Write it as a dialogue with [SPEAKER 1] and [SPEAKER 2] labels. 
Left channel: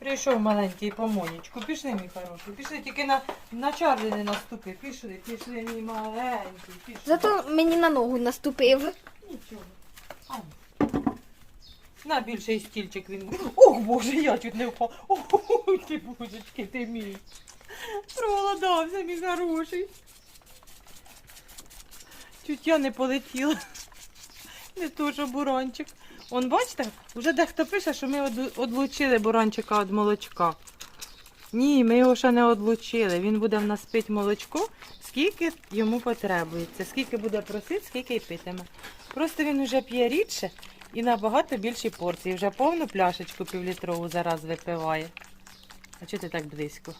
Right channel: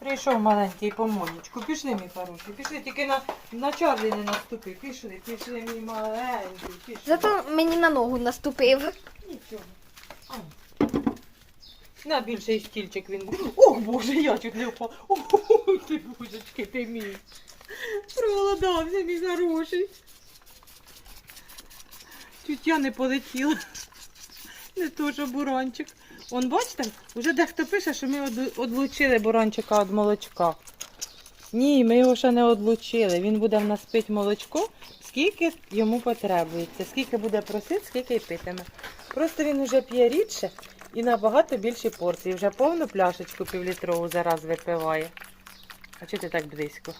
[SPEAKER 1] Прийшов маленький помонечку. Пішли, мій хороший. Пішли, тільки на, на чарли не наступи. Пішли, пішли, мій маленький. Пішли.
[SPEAKER 2] Зато мені на ногу наступив.
[SPEAKER 1] Нічого. А. На більший стільчик він буде. Ох, боже, я чуть не впав. Ой, ти божечки, ти мій. Проголодався, мій хороший. Чуть я не полетіла. Не що буранчик. Он бачите, вже дехто пише, що ми од- одлучили буранчика від молочка. Ні, ми його ще не одлучили. Він буде в нас пити молочко, скільки йому потребується. Скільки буде просити, скільки й питиме. Просто він вже п'є рідше і набагато більші порції. Вже повну пляшечку півлітрову зараз випиває. А чого ти так близько?